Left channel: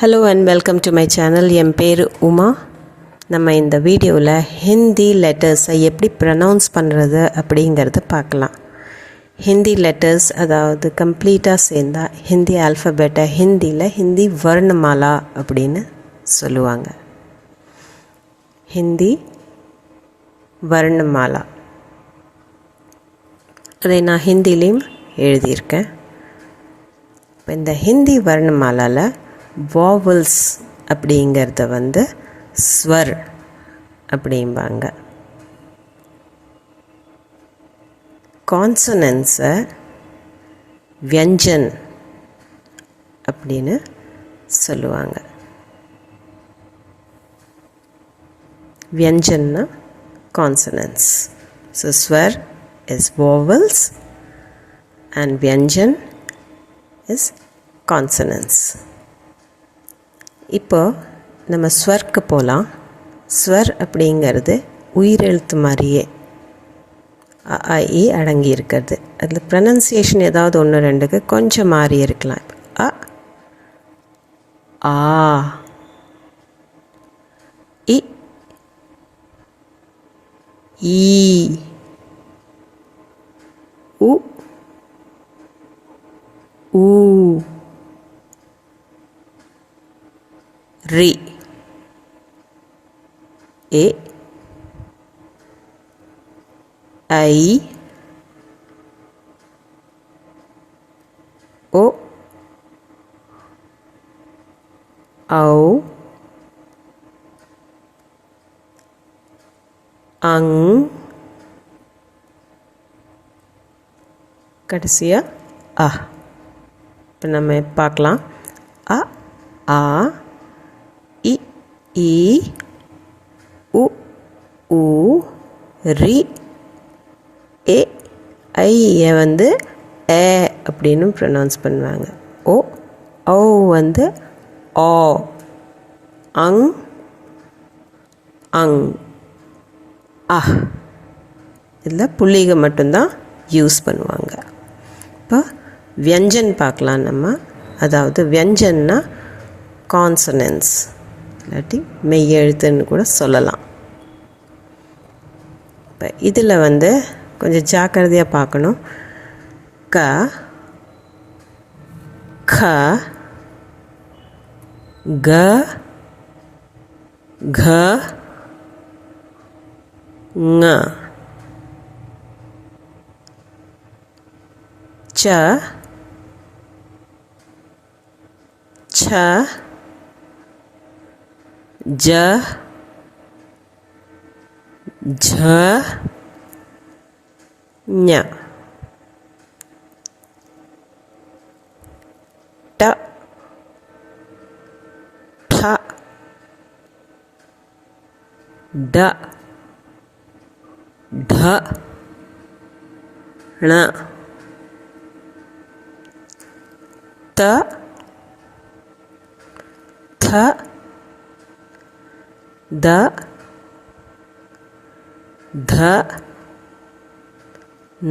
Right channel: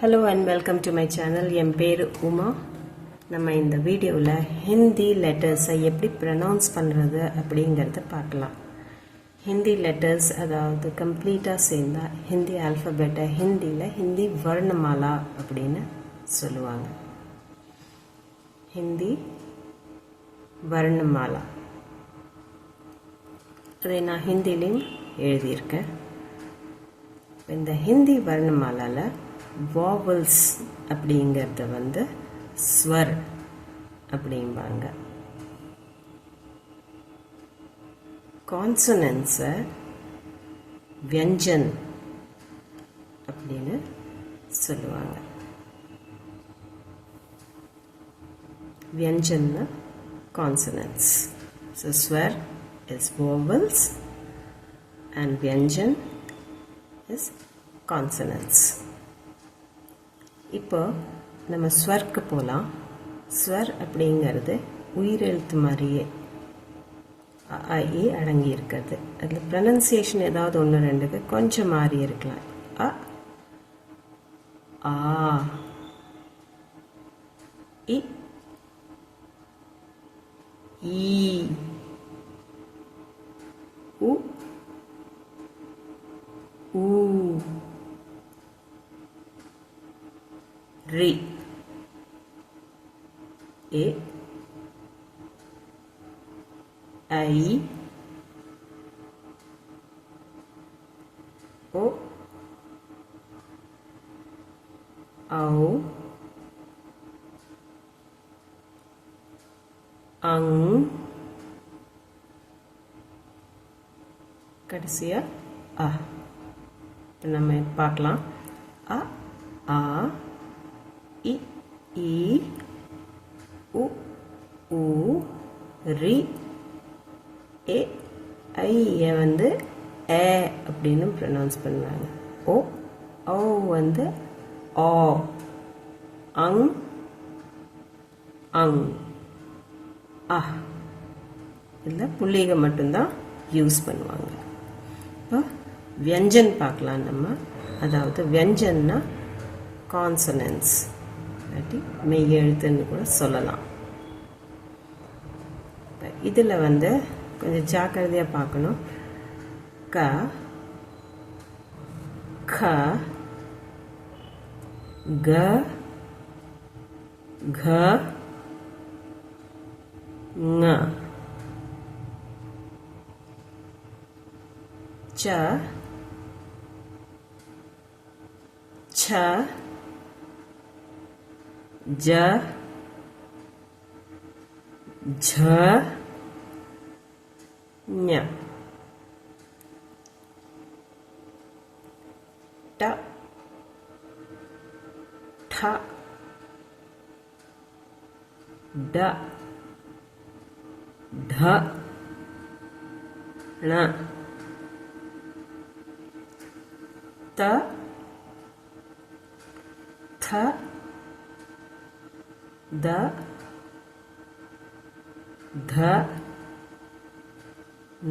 Hello and welcome to my channel. என் பேர் உமா. நம்ம இந்த வீடியோவில் ஹிந்தி லெட்டர்ஸை எப்படி ப்ரனவுன்ஸ் பண்ணுறது அப்படிங்கிறத பார்க்கலாம். ஹிந்தி லெட்டர்ஸ் அதாவது கம்ப்ளீட்டாக சேர்ந்தா ஹிந்தி ஆல்ஃபபெட்டை ஹிந்தியில் ஹிந்தி வர்ணமாலா அப்படின்னு சொல்லுவாங்க. ஹிந்தி வர்ணமாலா அதை நான் ஹிந்திலையும் எழுதியிருக்கேன். இப்போ இந்த ஹிந்தி வர்ணமாலாவில் வாவல்ஸ் அப்படிங்கிறத ஸ்வர் அப்படிம்பாங்க. கான்சனன்ஸை வியஞ்சன் அப்படின்னு சொல்லுவாங்க. வியஞ்சன்னா consonants. So swar is vowels and vyanjan is consonants. இப்போ நம்ம ஸ்வர்க்கு போகலாம். ஸ்வர் அப்படிங்கிறது உயிரெழுத்து மாதிரியே அடங்கி இருக்கிறது. அதில் ப்ரனன்சியேஷன் ஏதாவது ஒன்று ரெண்டுக்கு கொஞ்சம் மாறி இருக்கலாம். அ ஆ இ ஈ உ ஊ ரி ஏ ஐ ஓ ஔ அங் கடைசியாக ஆ. இப்போ நம்ம பார்க்கலாம். அ ஆ இ ஈ உ ஊ ரி ஏ ஐயை ஏ அப்படின்னு ப்ரொனவுன்ஸ் பண்ணுவாங்க. ஓ ஓ ஆ அங் அங் ஆ. இதில் புள்ளிக மட்டும்தான் யூஸ் பண்ணுவாங்க. இப்போ வியஞ்சன் பார்க்கலாம் நம்ம. அதாவது வியஞ்சன்னா கான்சனன்ஸ் இல்லாட்டி மெய்யெழுத்துன்னு கூட சொல்லலாம். இப்போ இதில் கொஞ்சம் ஜாக்கிரதையாக பார்க்கணும். க க க घ ङ च छ ज झ ञ ट ठ ड ढ ण त थ द ध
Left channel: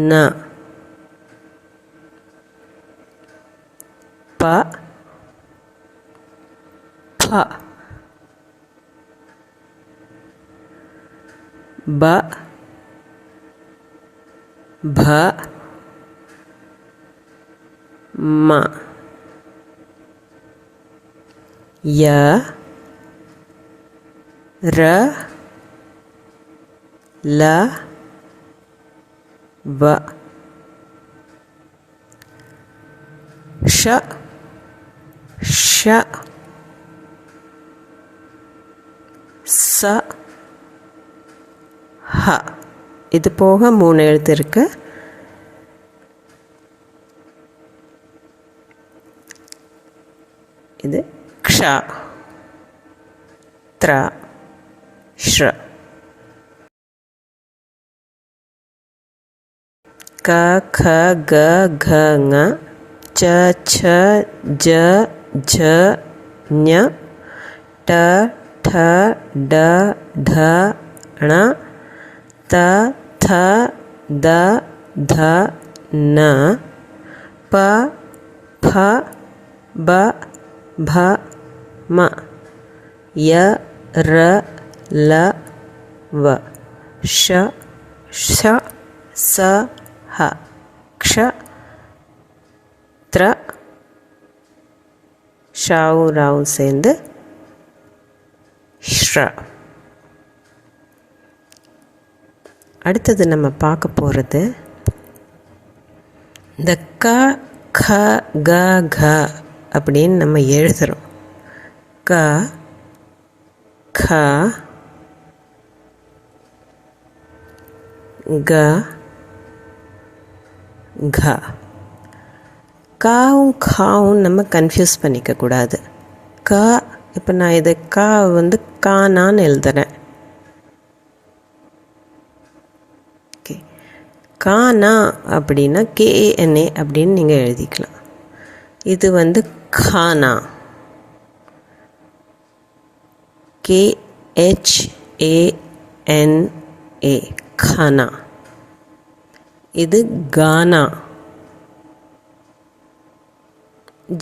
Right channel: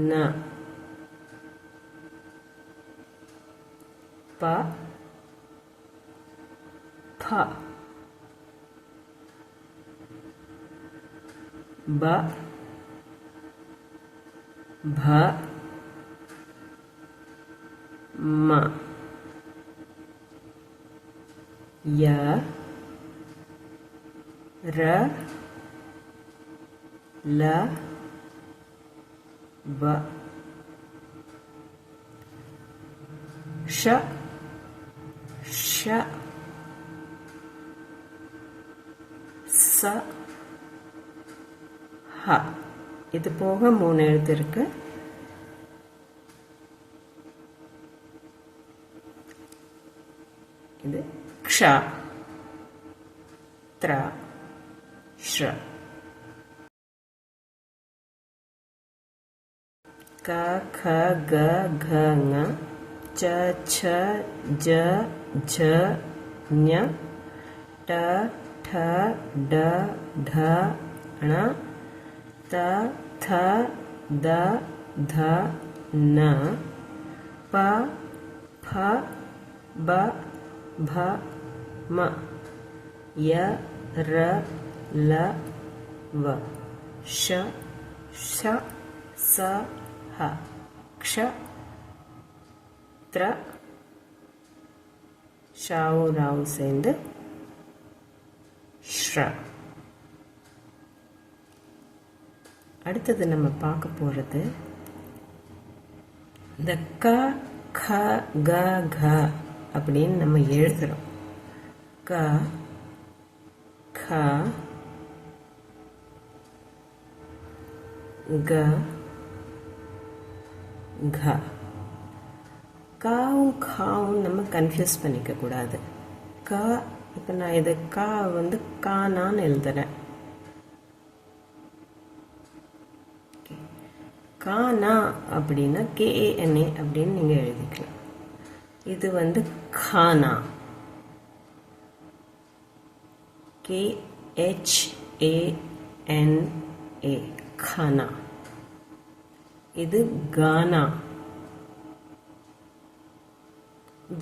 न प फ ब भ म य र ल व श श स ह. இது போக 3 எழுத்து இருக்கு. இது க்ஷ த்ர ஷ்ர. க க க घ ङ च छ ज झ ஞ ट ठ ड ढ ण त थ द ध न प फ ब भ ம ய ர ல வ ஷ ஷ ச ஹ க்ஷ த்ர ஷாவும் ராவும் சேர்ந்து ஷ்ர. அடுத்தது நம்ம பார்க்க போகிறது இந்த க க க க அப்படின்னு நம்ம எழுதுகிறோம். க க க க. காவும் காவும் நம்ம கன்ஃபியூஸ் பண்ணிக்கக்கூடாது. க இப்போ நான் இது கா வந்து கானான்னு எழுதுறேன். ஓகே, கானா அப்படின்னா KANA அப்படின்னு நீங்கள் எழுதிக்கலாம். இது வந்து கானா, KHANA கானா. இது கானா,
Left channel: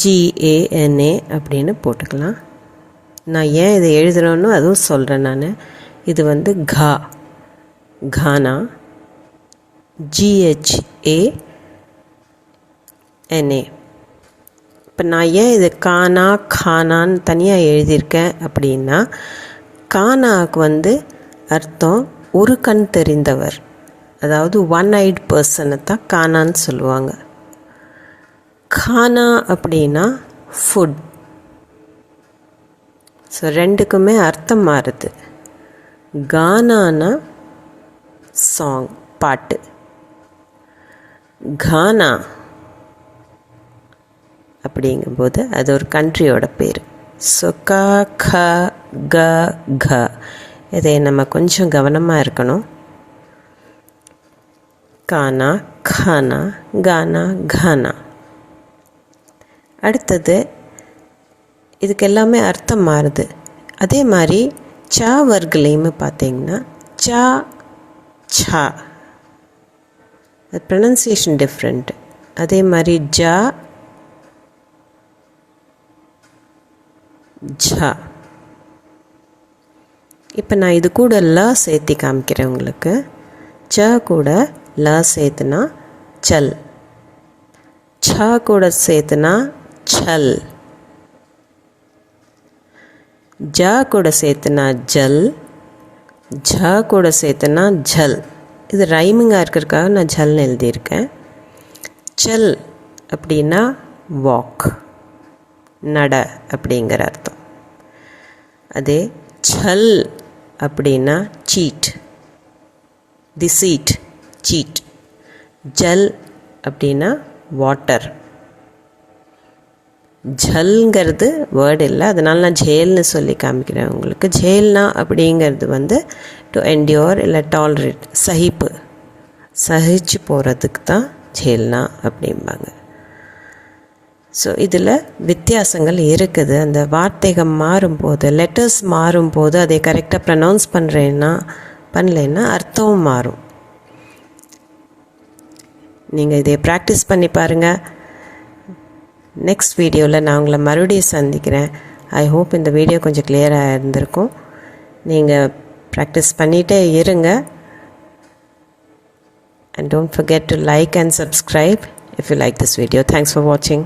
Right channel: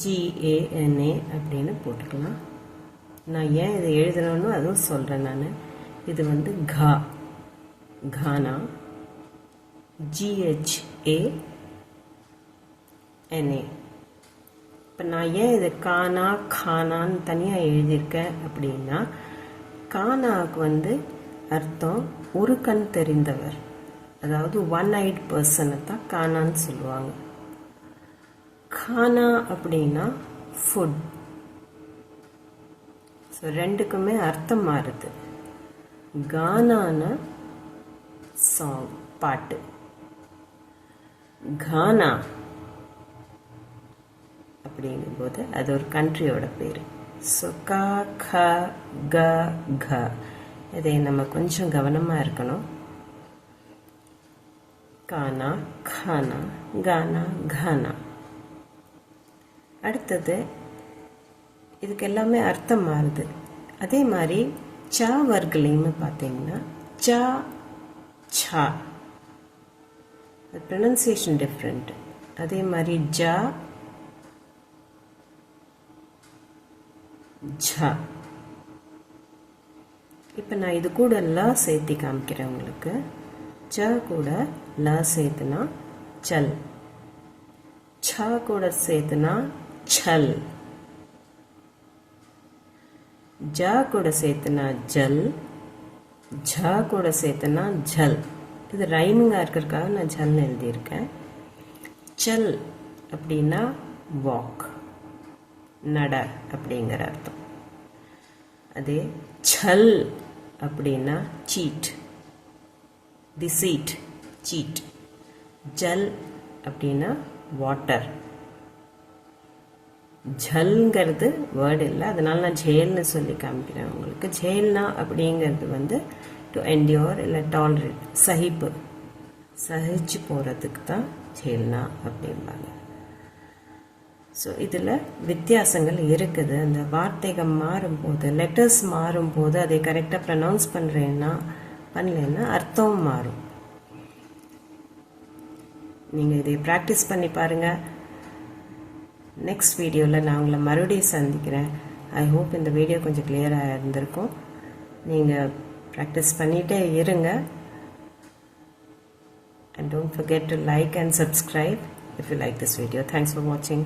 GANA அப்படின்னு போட்டுக்கலாம். நான் ஏன் இதை எழுதுகிறேன்னு அதுவும் சொல்கிறேன் நான். இது வந்து கா, கானா, GHANA. இப்போ நான் ஏன் இது கானா கானான்னு தனியாக எழுதியிருக்கேன் அப்படின்னா, கானாவுக்கு வந்து அர்த்தம் ஒரு கண் தெரிந்தவர், அதாவது ஒன் ஐட் பர்சனை தான் கானான்னு சொல்லுவாங்க. கானா அப்படின்னா ஃபுட். ஸோ ரெண்டுக்குமே அர்த்தம் மாறுது. கானானா சாங், பாட்டு. கானா அப்படிங்கும்போது அது ஒரு கண்ட்ரியோட பேர். ஸோ க க க க, இதை நம்ம கொஞ்சம் கவனமாக இருக்கணும். கானா கானா, கானா கானா. அடுத்தது இதுக்கு எல்லாமே அர்த்தம் மாறுது. அதே மாதிரி சா வர்க்கலையுமே பார்த்தீங்கன்னா சா சா, அது ப்ரொனன்சியேஷன் டிஃப்ரெண்ட். அதே மாதிரி ஜா ஜா. இப்போ நான் இது கூட ல சேர்த்தி காமிக்கிறேன் உங்களுக்கு. ச கூட ல சேர்த்துனா சல், ச கூட சேர்த்துனா சல், ஜ கூட சேர்த்துனா ஜல், ஜ கூட சேர்த்துனா ஜல். இது ரைமிங்காக இருக்கிறதுக்காக நான் ஜல்னு எழுதியிருக்கேன். சல் அப்படின்னா வாக், நட அப்படிங்கிற அர்த்தம். அதே சல் அப்படின்னா சீட், டிசீட், சீட். ஜல் அப்படின்னா வாட்டர். ஜல்ங்கிறது வேர்டு இல்லை, அதனால் நான் ஜேல்னு சொல்லி காமிக்கிறேன் உங்களுக்கு. ஜேல்னா அப்படிங்கிறது வந்து டு என்டியோர் இல்லை டாலரேட், சகிப்பு, சகிச்சு போகிறதுக்கு தான் ஜேல்னா அப்படிம்பாங்க. ஸோ இதில் வித்தியாசங்கள் இருக்குது. அந்த வார்த்தைகள் மாறும்போது, லெட்டர்ஸ் மாறும்போது அதை கரெக்டாக ப்ரனவுன்ஸ் பண்ணலைன்னா அர்த்தமும் மாறும். நீங்கள் இதை ப்ராக்டிஸ் பண்ணி பாருங்கள். நெக்ஸ்ட் வீடியோவில் நான் உங்களை மறுபடியும் சந்திக்கிறேன். ஐ ஹோப் இந்த வீடியோ கொஞ்சம் கிளியராக இருந்திருக்கும். நீங்கள் ப்ராக்டிஸ் பண்ணிகிட்டே இருங்க. And don't forget to like and subscribe if you like this video. Thanks for watching.